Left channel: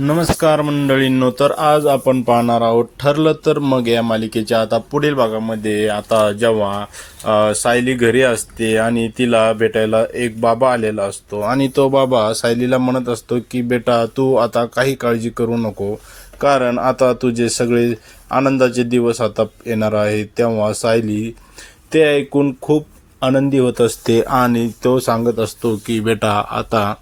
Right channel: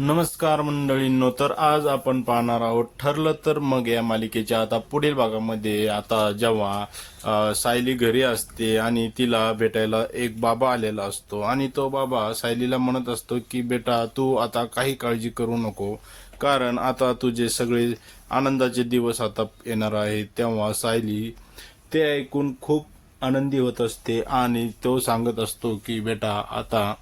नमस्कार मंडळींनो तर आज आपण पाहणार आहोत ठरलं तर मग या मालिकेच्या आता पुढील भागामध्ये. आता जेव्हा सायली घरी असते आणि तिला भेटायला एक बाबा आलेला असतो आणि तो बाबा सायलीला म्हणत असतो की बेटा तू आता काही काळजी करू नको कारण आता तुझे सगळे आनंदाचे दिवस आता येणार आहेत. तेव्हा सायली ते ऐकून खूप आनंदी होत असते आणि तो सांगत असतो की बेटा आता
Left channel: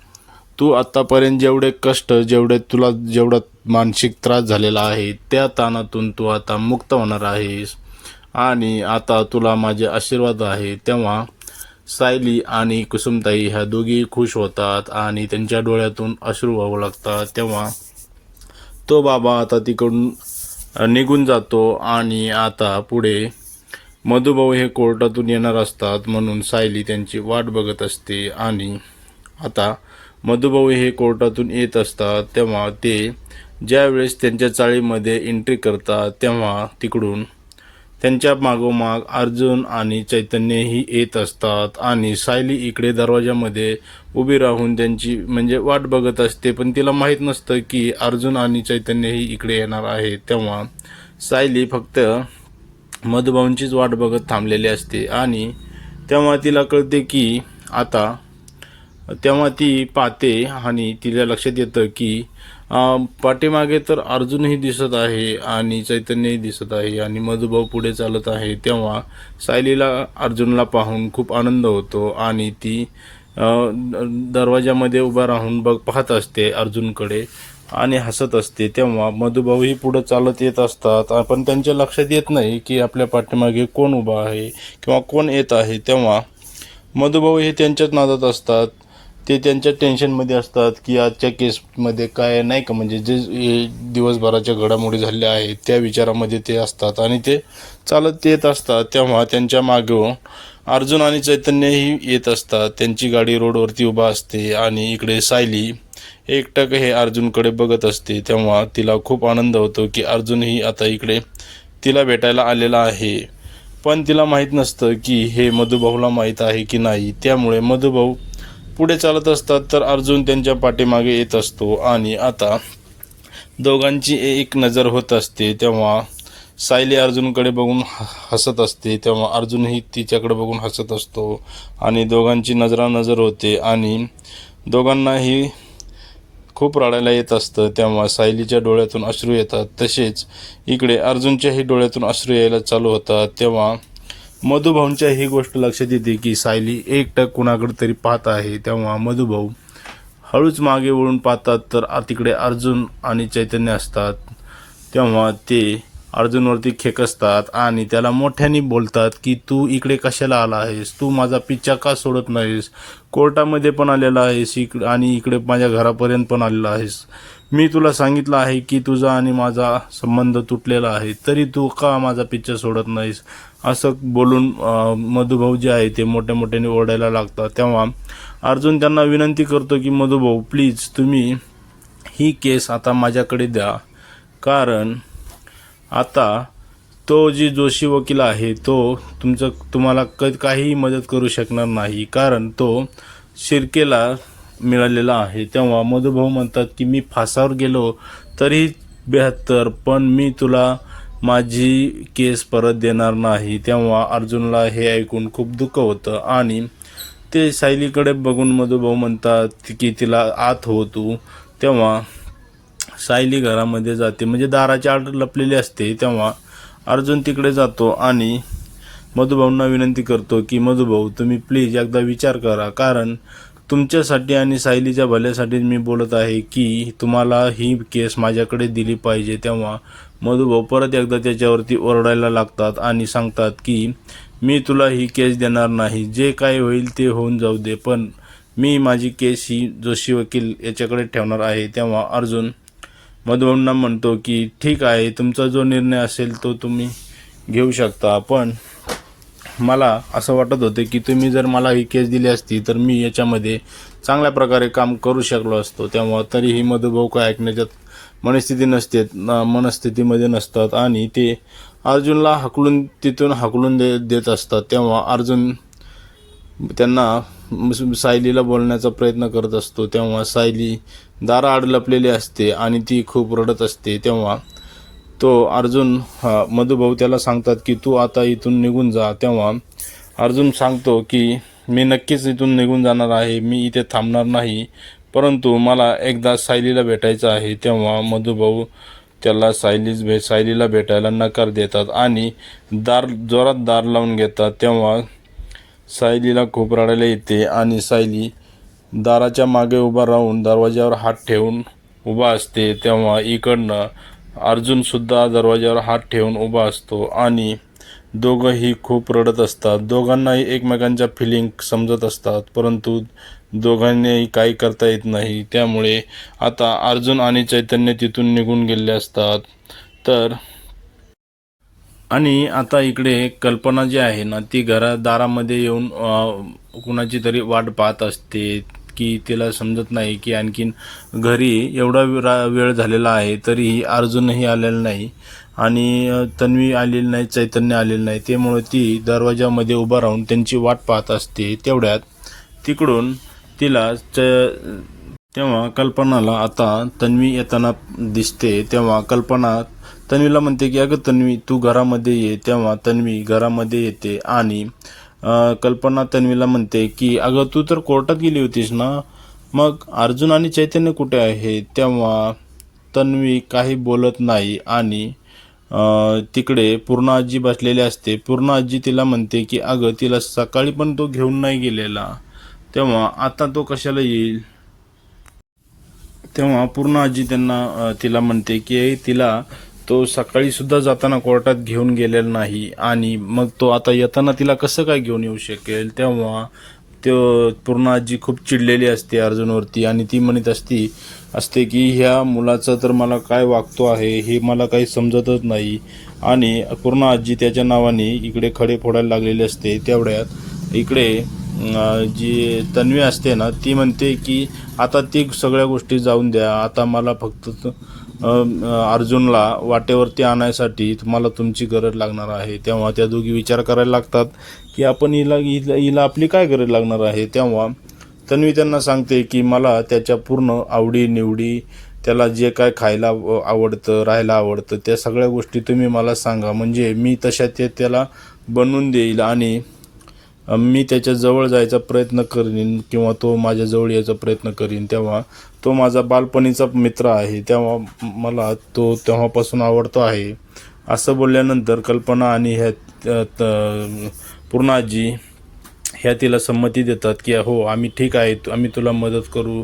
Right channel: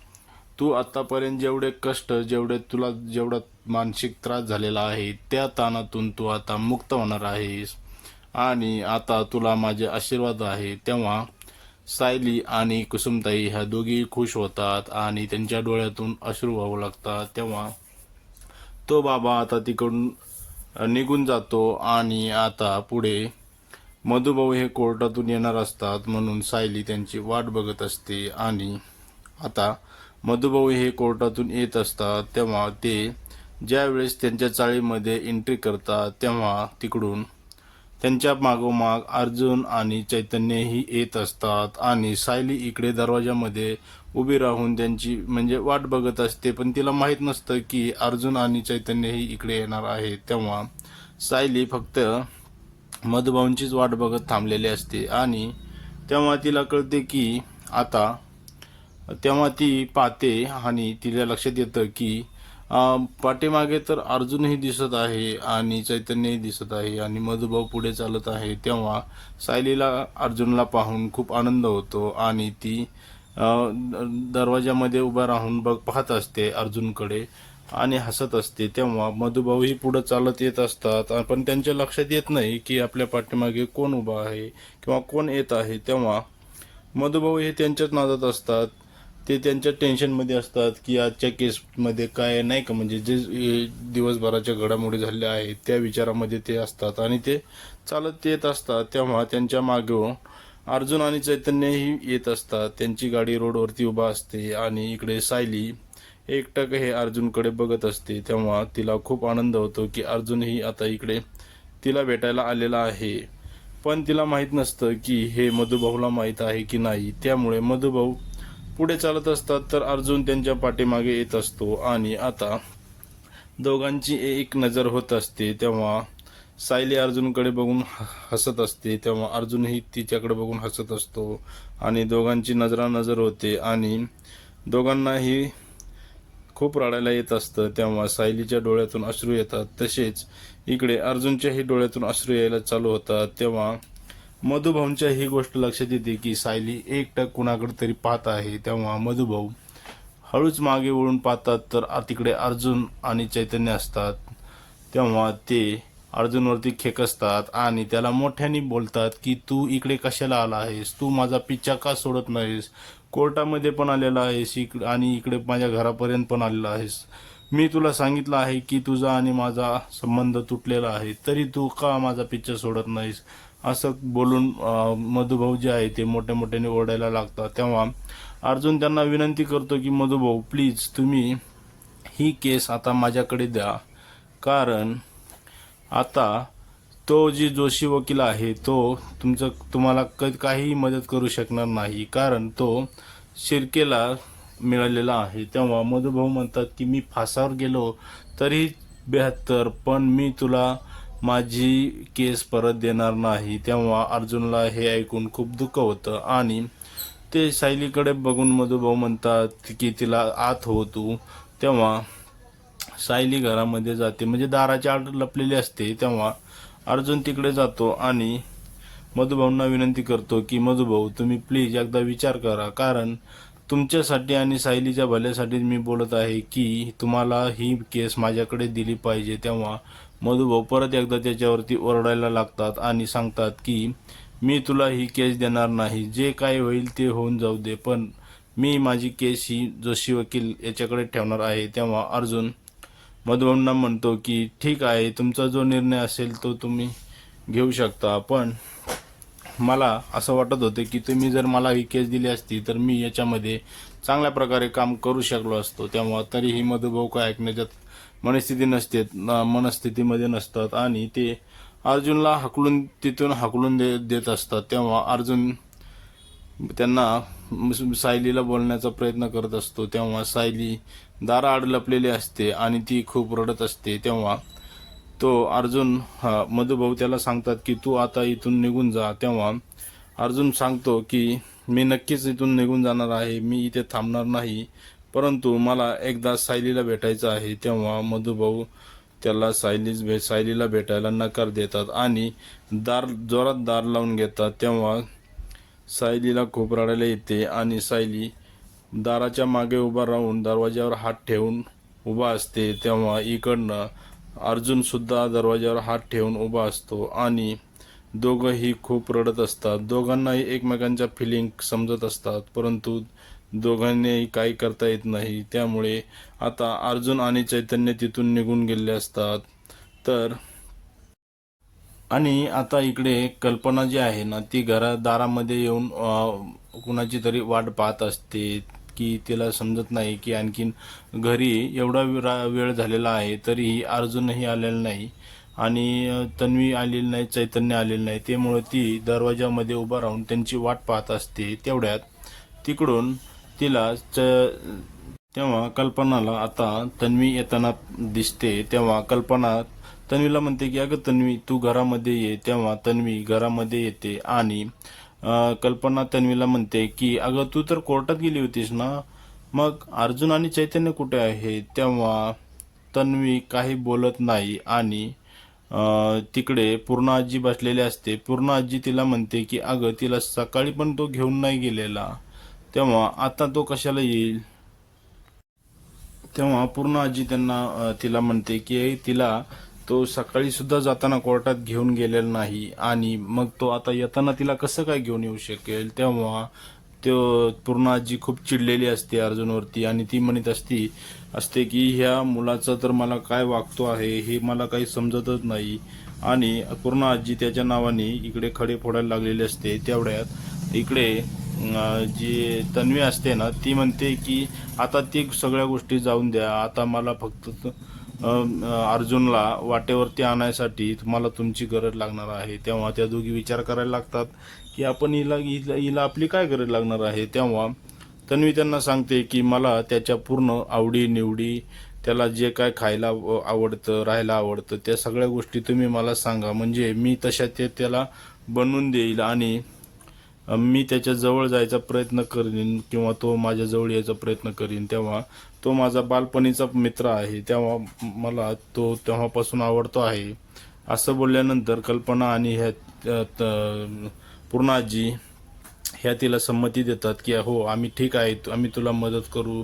तू आतापर्यंत जेवढे कष्ट जेवढे तुला जेवढा मानसिक त्रास झालेला आहे त्या ताणातून तू आता मुक्त होणार आहेस. आणि आता तुला माझे आशीर्वाद आहे. तेव्हा सायली आणि कुसुमताई ह्या दोघी खुश होतात आणि त्यांच्या डोळ्यातून अश्रू वाहू लागतात. तेव्हा तो बाबा आता तिकडून निघून जातो आणि आता पुढे मधुभाऊ हे कोर्टातून येणार असतात म्हणून सायली त्यांची वाट बघत असते. आणि आता मधुभाऊ हे कोर्टातून येत असतात तेव्हा ते ज्यावेळेस त्यांच्या चाळीमध्ये एंट्री करतात तेव्हा तिकडून त्यांच्या मागोमाग अर्जुन आणि चैतन्यही येत असतात आणि सायली इकडे दरवाजामध्ये उभी राहून त्यांची म्हणजे वाट बघत असते. पण तिला माहीत नसतं की अर्जुन आणि चैतन्यही इकडे येणार आहे. तेव्हा सायली फक्त मधुभाऊंचीच वाट बघत थांबलेली असते आणि तेव्हा तिला कळते की आता तेव्हा ती पाहते आणि तिला लक्षात येतं की पाठीमागे तर अर्जुनही दिसत आहे आणि चैतन्यही दिसत आहे आणि मधुभाऊ पुढे चालत आहे. तेव्हा सायलीला अर्जुनला पाहून खूप आनंद होतो आणि ती दरवाजामध्ये उभा राहून बघ पाहत असते अर्जुनकडे आणि हसत असते. तेव्हा मधुभाऊही पुढं चालत येत असतात. पण त्यांच्या लक्षात येत नाही की आपल्या पाठीमागे कोण उभा आहे किंवा कोण येत आहे. तेव्हा मधुभाऊ हे त्यांच्याच नादात असतात. ते त्यांच्या टेन्शनमध्ये असतात की आजच्या केसमध्ये काय नाही का? म्हणजे जे दिवसभराच्या घडामोडी झाल्या आहेत त्या विचारामध्ये ते असतात आणि ते चालत येत असतात. तेव्हा त्यांच्या मागं अर्जुन आणि चैतन्यही येत असतात. त्यांची गाडी रोडवरती उभा असते आणि इकडे सायली एकटक हे अर्जुनकडे बघत असते. तेव्हा तिला खूप आनंद होतो की अर्जुनही आता इकडे तिला भेटायला आलेला आहे. पण तिला माहीत नसतं की हे मधुभाऊला माहीत आहे की नाही. त्यामुळे मधुभाऊ पुढे चालत असतात तर अर्जुन त्यांच्या पाठीमागे येत असतो. आणि आता दोघांची एक नजर होत असते. तेव्हा सायली अर्जुनकडे बघून ह- हसत असते. तेव्हा अर्जुनही तिच्याकडे बघून हसत असतो. आणि दोघांची नजरानजर होते. आणि दोघांनाही खूप रडायला येत असतं. तेव्हा सायलीच्या डोळ्यातून अश्रू येतात. तसेच इकडे अर्जुनच्याही डोळ्यातून अश्रू यायला चालू होतात. तेव्हा मधुभाऊंच्या ही गोष्ट लक्षात येते की सायली एकटक कुणाकडे तरी पाहत आहे तेव्हा मधुभाऊ हळूच मागे वळून पाहतात तर तिकडे अर्जुन आणि चैतन्य असतात. तेव्हा ते अर्जुनवरती खेकसतात आणि त्याला मोठ्याने बोलतात की तू इकडे कशाला आला आहेस? तू माझा पिच्छा का सोडत नाहीस? कोर्टामध्ये पण आलेला आहेस इकडे आणि इकडे माझ्या घरापर्यंत पण आलेला आहेस. मी तुला सांगितलं आहे की तुझा आणि माझा संबंध तुटलेला आहे. तरी तू का माझा पिच्छा सोडत नाहीस? असं बोलून मधुभाऊ जे आहे ते मोठ्या मोठ्याने ओरडायला लागतात. तेव्हा अर्जुन त्यांना विनंती करतो की मधुभाऊ प्लीज तुम्ही ही केस आता माझ्याकडे द्या. कारण आता तो जी जोशी वकील आहे तो तुमचं तुम्हाला क काहीही मदत करू शकणार नाही. कारण तो शिर्केला मिळालेला आहे. तेव्हा मधुभाऊ म्हणतात की मी फासावर गेलो तरी बेहत्तर पण मी तुला माझी केस परत देणार नाही तेव्हा अर्जुनला हे ऐकून खूप दुःख होतं. आणि ते सायलीकडे बघून मधुभाऊ म्हणतात की तिला आत हो तू. तेव्हा सायली घरामध्ये जाते. म्हणजे दाराची आड लपलेली असते. तेव्हा अर्जुन तिकडे जातो आणि मधुभाऊंना विनंती करतो की मधुभाऊ तुम्ही प्लीज एकदा विचार करा. कारण तुमच्यासाठी आणि सायलीच्या भल्यासाठी मी बोलत आहे की तुम्हाला ही केस माझ्याकडे दिली पाहिजे तेव्हा मधुभाऊ परत एकदा त्याच्यावरती ओरडायला लागतात आणि सांगतात की मी तुला ही केस देणार नाही. जे काय होईल ते होऊन जाऊ दे पण मी माझी केस ही जोशी वकील याच्याकडे ठेवणार आहे. तेव्हा अर्जुन मधुभाऊंना म्हणतो की ठीक आहे तुमचा जो निर्णय असेल तो तुम्ही घेऊ शकता पण मला असं वाटत होतं की तुम्ही जर मला ही केस दिली असती तर मी याच्यामध्ये चांगल्या प्रकारे काम करू शकलो असतो. तेव्हा तरीही मधुभाऊ काय ऐकण्याच्यात मनस्थिती नसते मनस्थितीमध्ये नसतात आणि ते अर्जुनला हकलून तिथून हकलून दे देत असतात. तेव्हा अर्जुन त्यांना सायलीला बोलण्याचा प्रयत्न करत असतो. तेव्हा सायली दाराआड लपलेली असते आणि ती खूप रडत असते. तेव्हा तो अर्जुन हा मधुभाऊ त्याला सांगतात की तू आता इथून निघून जा. तेव्हा अर्जुन सांगतो की मी नक्कीच इथून निघून जाणार आहे. मी इथे थांबणार नाही. परंतु मला एकदा सायलीला भेटायचं आहे. तेव्हा मधुभाऊ त्याला सायलीच भे सायलीला भेटायला नकार देतात आणि दार जोरात दार लावून घेतात. तेव्हा सायलीला खूप रडायला येते आणि सायली दाराच्या मागे उभा राहून दरवाज्यावर हात ठेवून उभा असते. तेव्हा इकडनं अर्जुन सुद्धा दरवाज्यावर हात ठेवून उभा असतो आणि दोघंही खूप रडत असतात. दोघांनाही एकमेकांच्या फिलिंग समजत असतात परंतु दोघांनाही काही करता येत नाही. त्यामुळे आता अर्जुन आणि चैतन्य तिथून निघून गेले असतात. तर आणि आता इकडे कल्पना जी आहे ना ती घरा दारामध्ये येऊन कुणाची तरी वाट पाहत असते. की तिला समजत नाही की आणखीन घरी एवढा रा- वेळ झालेला आहे तरीही अर्जुनही आलेला नाही आणि तन्वी आलेली नाही चैतन्य आलेलं नाही. त्यामुळे ती दरवाजामध्ये उभा राहून त्यांची वाट पाहत असते. तेवढ्यात तिकडून तिला च तेव्हा कल्पनाला आता तन्वी येताना दिसते. तेव्हा कल्पना तन्वीला म्हणते की अगं तन्वी तू घरामध्ये ये. तेव्हा तन्वी घरामध्ये येते आणि कल्पना तन्वीला म्हणते की अगं तू तर कोर्टात गेली होतीस ना? मग अर्जुन आणि चैतन्य कुठे आहे? तेव्हा तन्वी काही बोलत नाही आणि तिकडे पूर्ण आजी बसलेली असते. पूर्ण आजी तिला म्हणते की अगं तिला सकाळी पण तो घेऊन नाही गेलेला. तेव्हा आता तो कशाला येईल? तेव्हा पूर्ण आजी त्यांना तिला म्हणते की तिला तो सकाळी सुद्धा जाताना कोर्टात घेऊन गेलेला नाही आणि मग तो आता येताना तिला कसं काय घेऊन येऊ शकेल? तेव्हा तो पूर्ण आजी खूप चिडलेली असते अर्जुनवरती आणि ती म्हणत असती असते की ह्या मुलाचं तर मला काय वागतो आहे हे मला काही समजतच नाही. आणि पूर्ण आजी त्याच्या नावाने इकडे खडे फोडायला लागलेले असते. तेवढ्यात इकडे जी तन्वी असते ना ती म्हणते की आता ती सगळ्या गोष्टी जाऊन द्या. आता मला फक्त अर्जुनला वाटेवरती आणायसाठी तुम्हाला तुमची गरज लागणार आहे. तेव्हा त्या दोघी विचार करायला लागतात की आपण हिला हिला हिला आपली काय गरज लागणार आहे? तेव्हा तन्वी त्यांना सांगते की मला त्याच्या पूर्ण आवडी निवडी त्याला जे काय खायला आवडतं राहायला आवडतं त्या सगळ्या गोष्टी तुम्ही मला सांगा. म्हणजे मी तशा ते त्याला बनवून देईल आणि मी त्याच्याजवळ जायचा प्रयत्न करीन किंवा तो माझ्याजवळ यायचा प्रयत्न करीन तेव्हा तो माझा बालपणीचा मित्र आहे तेव्हा मला तो तेव्हापासून आवडतो आहे. असं बोलल्यानंतर कल्पना आणि ह्या त- पूर्णाजी ह्या तिला संमती देतात की हो आम्ही ठीक आहे आम्ही तुला मदत करू.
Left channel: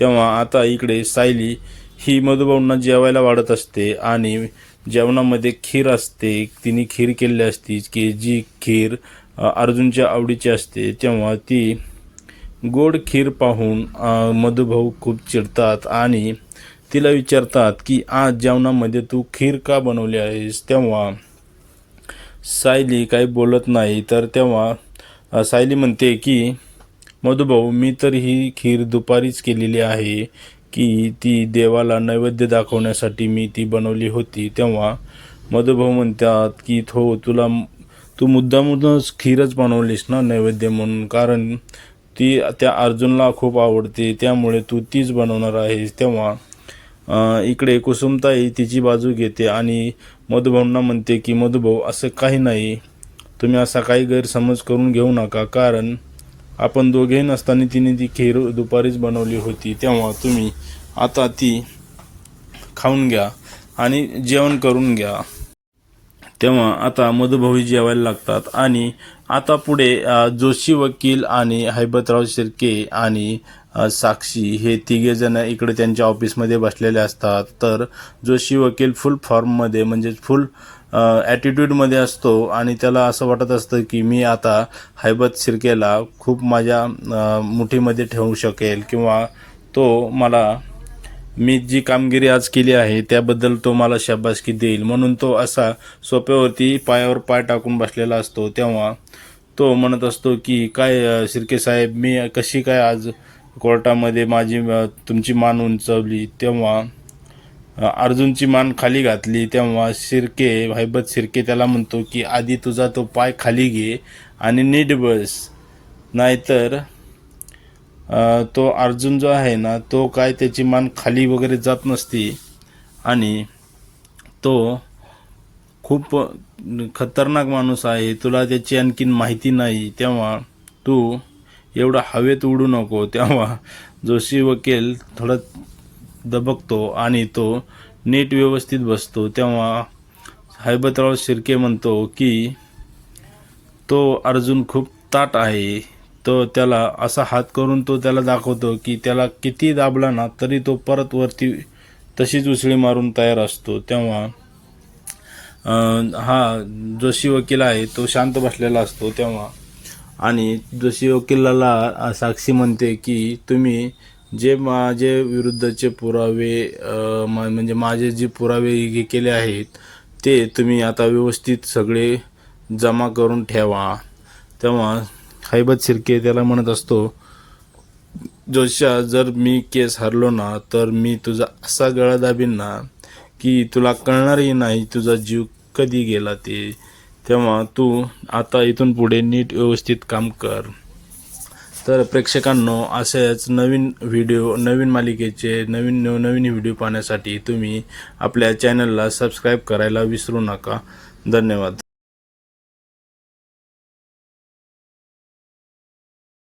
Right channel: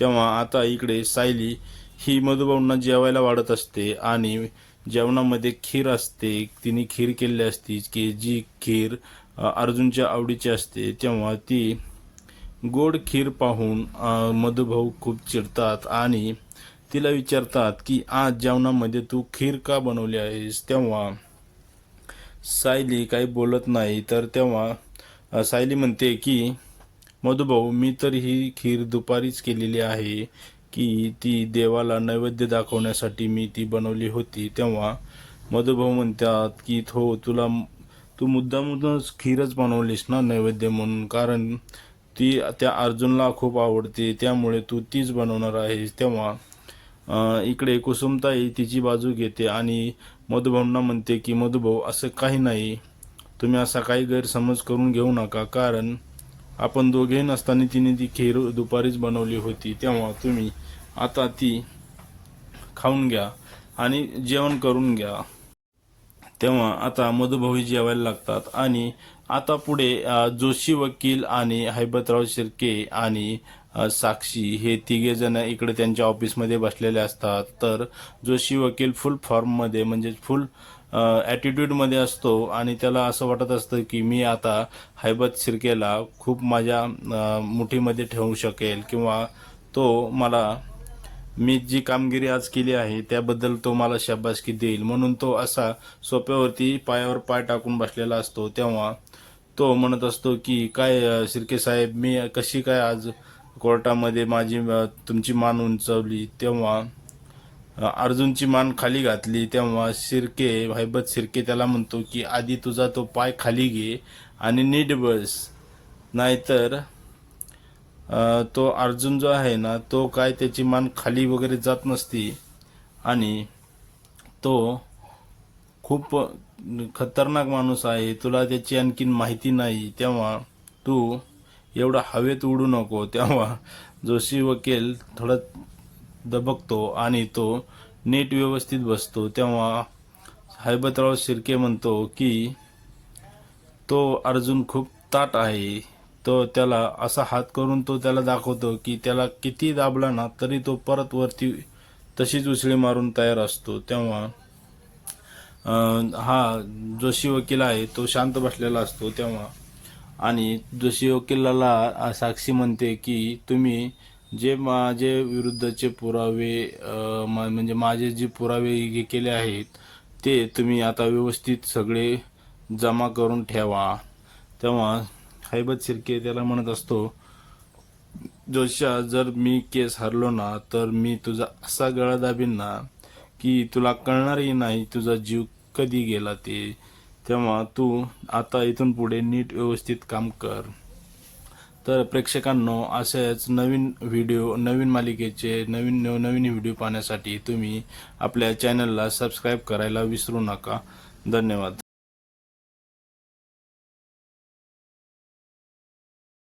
तेव्हा आता इकडे सायली ही मधुभाऊंना जेवायला वाढत असते आणि जेवणामध्ये खीर असते तिने खीर केलेली असती की जी खीर अर्जुनच्या आवडीची असते तेव्हा ती गोड खीर पाहून मधुभाऊ खूप चिडतात आणि तिला विचारतात की आज जेवणामध्ये तू खीर का बनवली आहेस? तेव्हा सायली काही बोलत नाही तर तेव्हा सायली म्हणते की मधुभाऊ मी तर ही खीर दुपारीच केलेली आहे की ती देवाला नैवेद्य दाखवण्यासाठी मी ती बनवली होती. तेव्हा मधुभाऊ म्हणतात की थो तुला तू मुद्दामधूनच खीरच बनवलीस ना नैवेद्य म्हणून. कारण ती त्या अर्जुनला खूप आवडते. त्यामुळे तू तीच बनवणार आहेस. तेव्हा इकडे कुसुमताई तिची बाजू घेते आणि मधुभाऊंना म्हणते की मधुभाऊ असं काही नाही. तुम्ही असा काही गैरसमज करून घेऊ नका. कारण आपण दोघेही नसताना तिने ती खीर दुपारीच बनवली होती. तेव्हा तुम्ही आता ती खाऊन घ्या आणि जेवण करून घ्या. तेव्हा आता मधुभावी जेवायला लागतात. आणि आता पुढे जोशी वकील आणि हैबतराव शिर्के आणि साक्षी हे तिघेजण इकडे त्यांच्या ऑफिसमध्ये बसलेले असतात. तर जोशी वकील फुल फॉर्ममध्ये म्हणजे फुल ॲटिट्यूडमध्ये असतो. आणि त्याला असं वाटत असतं की मी आता हैबत शिर्केला खूप माझ्या मुठीमध्ये ठेवू शकेल किंवा तो मला मी जी कामगिरी आज केली आहे त्याबद्दल तो मला शाबासकी देईल. म्हणून तो असा सोप्यावरती पायावर पाय टाकून बसलेला असतो. तेव्हा तो म्हणत असतो की काय शिर्के साहेब मी कशी काय आज कोर्टामध्ये माझी तुमची मान उंचावली? तेव्हा अर्जुनची मान खाली घातली. तेव्हा शिर्के हैबत शिर्के त्याला म्हणतो की आधी तुझा तो पाय खाली घे आणि नीट बस. नाहीतर तो अर्जुन जो आहे ना तो काय त्याची मान खाली वगैरे जात नसते. आणि तो खूप खतरनाक माणूस आहे. तुला त्याची आणखीन माहिती नाही. तेव्हा तू एवढा हवेत उडू नको. तेव्हा जोशी वकील थोडा दबकतो आणि तो नीट व्यवस्थित बसतो. तेव्हा हैबतराव शिर्के म्हणतो की तो अर्जुन खूप ताट आहे. तो त्याला असा हात करून तो त्याला दाखवतो की त्याला किती दाबला ना तरी तो परत वरती तशीच उसळी मारून तयार असतो. तेव्हा हा जोशी वकील आहे तो शांत बसलेला असतो तेव्हा. आणि जोशी वकिलाला साक्षी म्हणते की तुम्ही जे माझे विरुद्धचे पुरावे मा- म्हणजे माझे जे पुरावे हे केले आहेत ते तुम्ही आता व्यवस्थित सगळे जमा करून ठेवा. तेव्हा हैबत शिर्के त्याला म्हणत असतो जोशा जर मी केस हरलो ना तर मी तुझा असा गळा दाबीन ना की तुला कळणारही नाही तुझा जीव कधी गेला ते. तेव्हा तू आता इथून पुढे नीट व्यवस्थित काम कर. तर प्रेक्षकांनो असेच नवीन व्हिडिओ नवीन मालिकेचे नवीन नवीन व्हिडिओ पाहण्यासाठी तुम्ही आपल्या चॅनलला सबस्क्राईब करायला विसरू नका. धन्यवाद.